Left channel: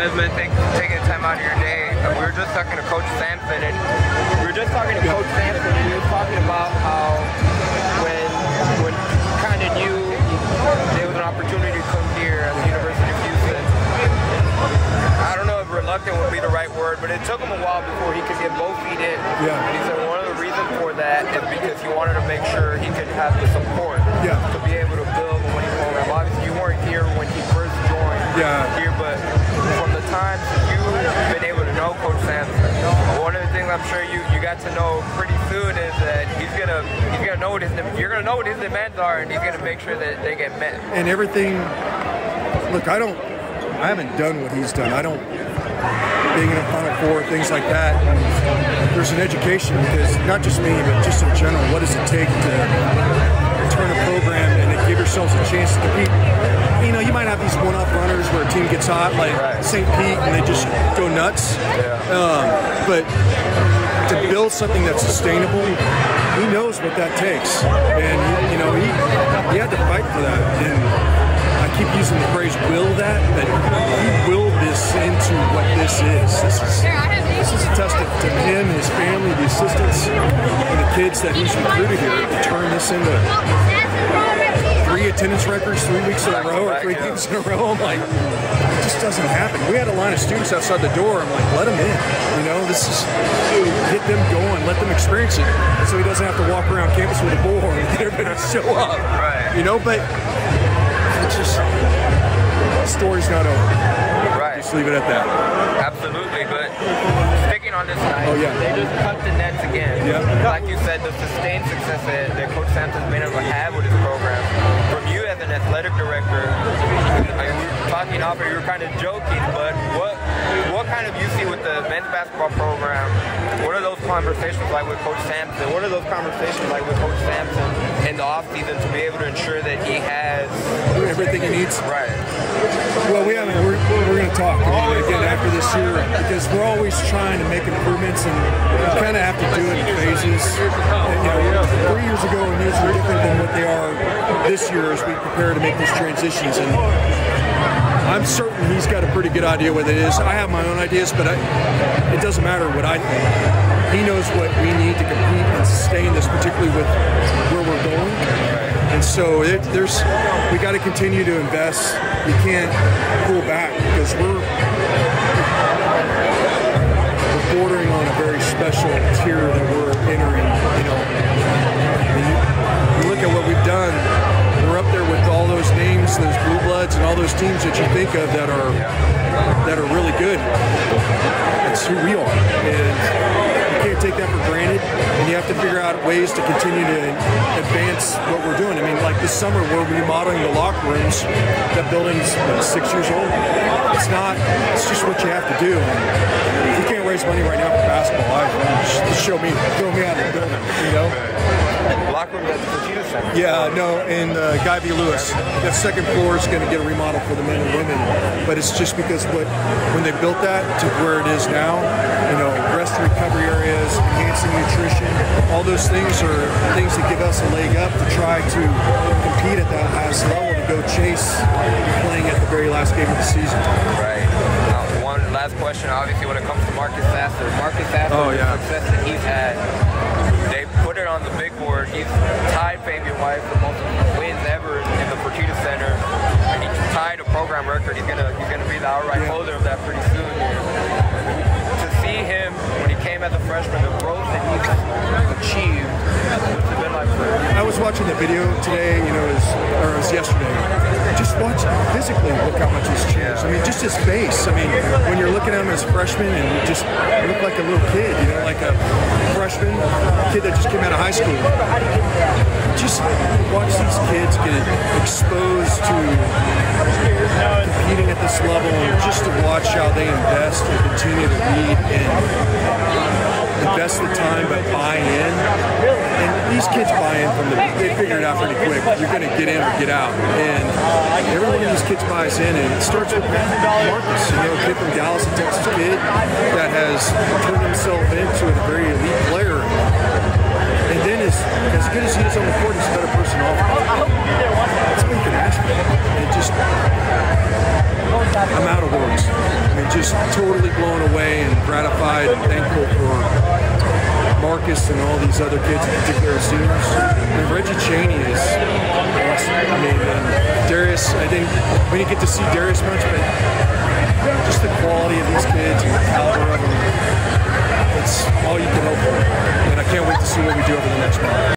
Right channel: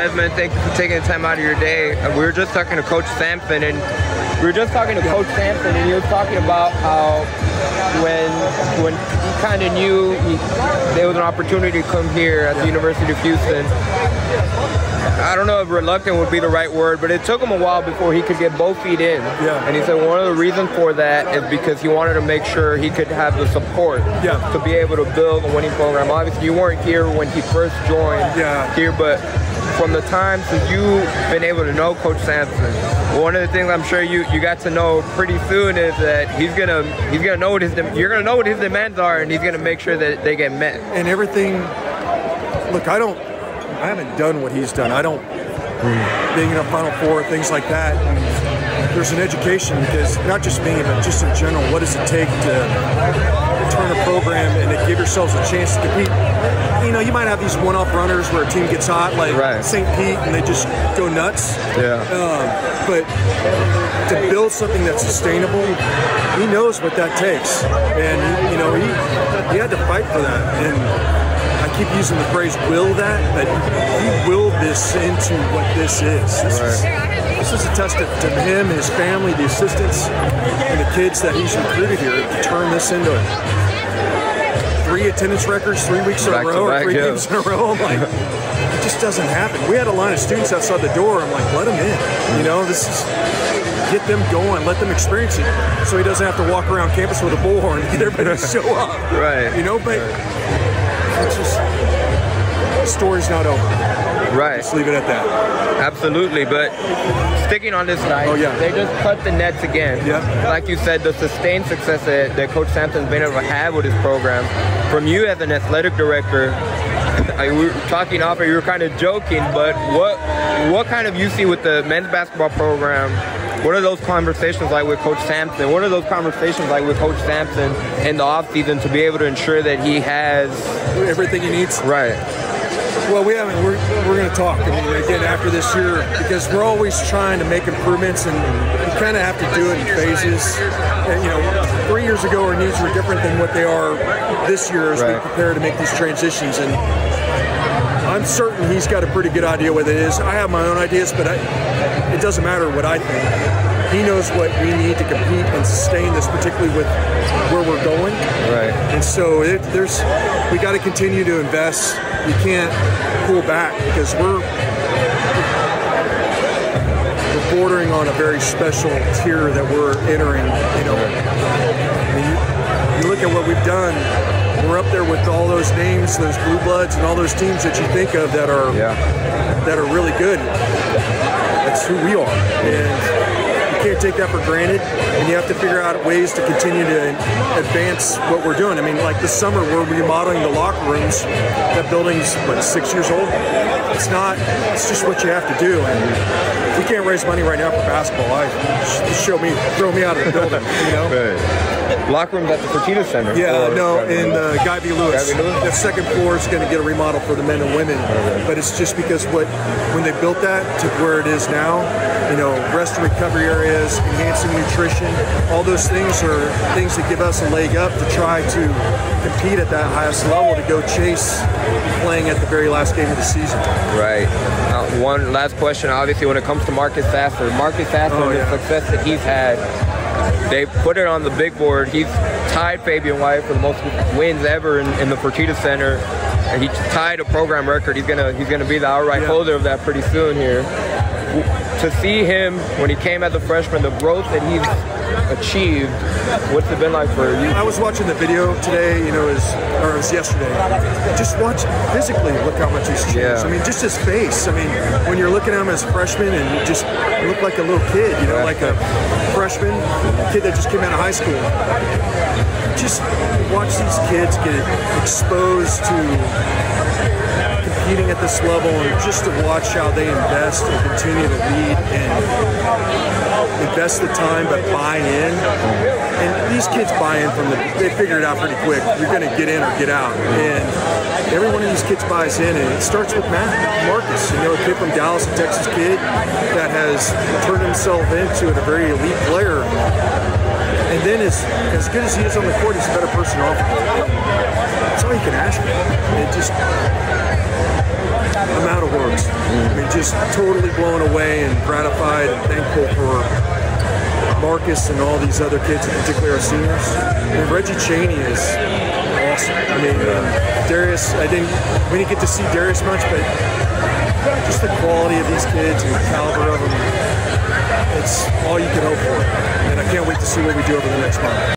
Pezman, thank you for taking the time out of your day. We were just talking to Coach Sampson, and he was talking about how when he kind of knew there was an opportunity to come here at the University of Houston. I don't know if reluctant would be the right word, but it took him a while before he could get both feet in. Yeah. And he said one of the reasons for that is because he wanted to make sure he could have the support to be able to build a winning program. Obviously, you weren't here when he first joined here, but from the time that you've been able to know Coach Sampson, one of the things I'm sure you got to know pretty soon is that you're gonna know what his demands are, and he's gonna make sure that they get met. And everything. Look, I haven't done what he's done. I don't, being in a Final Four, things like that. And there's an education because not just me, but just in general, what does it take to turn a program and to give yourselves a chance to compete? You know, you might have these one-off runners where a team gets hot, like St. Pete, and they just go nuts. But to build something that's sustainable, he knows what that takes. And, you know, he had to fight for that. And I keep using the phrase "will that," but he willed this into what this is. This is a testament to him, his family, the assistants, and the kids that he's recruited here to turn this into 3 attendance records 3 weeks in a row or 3 games in a row. I'm like, it just doesn't happen. We had a line of students outside the door. I'm like, let them in. You know, this is get them going, let them experience it, so he doesn't have to walk around campus with a bullhorn and get everybody to show up. You know, but. It's just, the story's not over. Just leave it at that. Absolutely, but sticking on this line, they just cut the nets again. Like you said, the sustained success that Coach Sampson's been able to have with his program. From you as an athletic director, we were talking off, you were kind of joking, but what kind of you see with the men's basketball program? What are those conversations like with Coach Sampson? What are those conversations like with Coach Sampson in the offseason to be able to ensure that he has everything he needs? Well, we haven't. We're going to talk. I mean, again, after this year, because we're always trying to make improvements, and you kind of have to do it in phases. And, you know, 3 years ago, our needs were different than what they are this year as we prepare to make these transitions. And I'm certain he's got a pretty good idea what it is. I have my own ideas, but it doesn't matter what I think. He knows what we need to compete and sustain this, particularly with where we're going. And so we got to continue to invest. You can't pull back because we're bordering on a very special tier that we're entering. You know, I mean, you look at what we've done. We're up there with all those names, those blue bloods, and all those teams that you think of that are really good. That's who we are, and you can't take that for granted. And you have to figure out ways to continue to advance what we're doing. I mean, like this summer, we're remodeling the locker rooms. That building's, what, 6 years old? It's just what you have to do. And if we can't raise money right now for basketball, just throw me out of the building, you know? Locker room at the Wichita Center. In Guy V. Lewis. That second floor is going to get a remodel for the men and women, but it's just because when they built that to where it is now, you know, rest and recovery areas, enhancing nutrition, all those things are things that give us a leg up to try to compete at that highest level, to go chase playing at the very last game of the season. One last question, obviously, when it comes to Marcus Sasser, the success that he's had, they put it on the big board. He's tied Fabian White for the most wins ever in the Fertitta Center, and he tied a program record. He's gonna be the outright holder of that pretty soon here. To see him when he came as a freshman, the growth that he's achieved, what's it been like for you? I was watching the video today, you know, it was yesterday. Just watch physically, look how much he's changed. I mean, just his face. I mean, when you're looking at him as a freshman and you look like a little kid, you know, like a freshman, kid that just came out of high school. Just watch these kids get exposed to competing at this level, and just to watch how they invest and continue to lead and invest the time but buy in. And these kids buy in they figure it out pretty quick. You're going to get in or get out. And every one of these kids buys in, and it starts with Marcus, you know, a kid from Dallas, a Texas kid that has turned himself into a very elite player. And then as good as he is on the court, he's a better person off the court. That's all you can ask for. I'm out of words. I mean, just totally blown away and gratified and thankful for Marcus and all these other kids, in particular our seniors. I mean, Reggie Chaney is awesome. I mean, and Darius, we didn't get to see Darius much, but just the quality of these kids and the caliber of them, it's all you could hope for. And I can't wait to see what we do over the next month.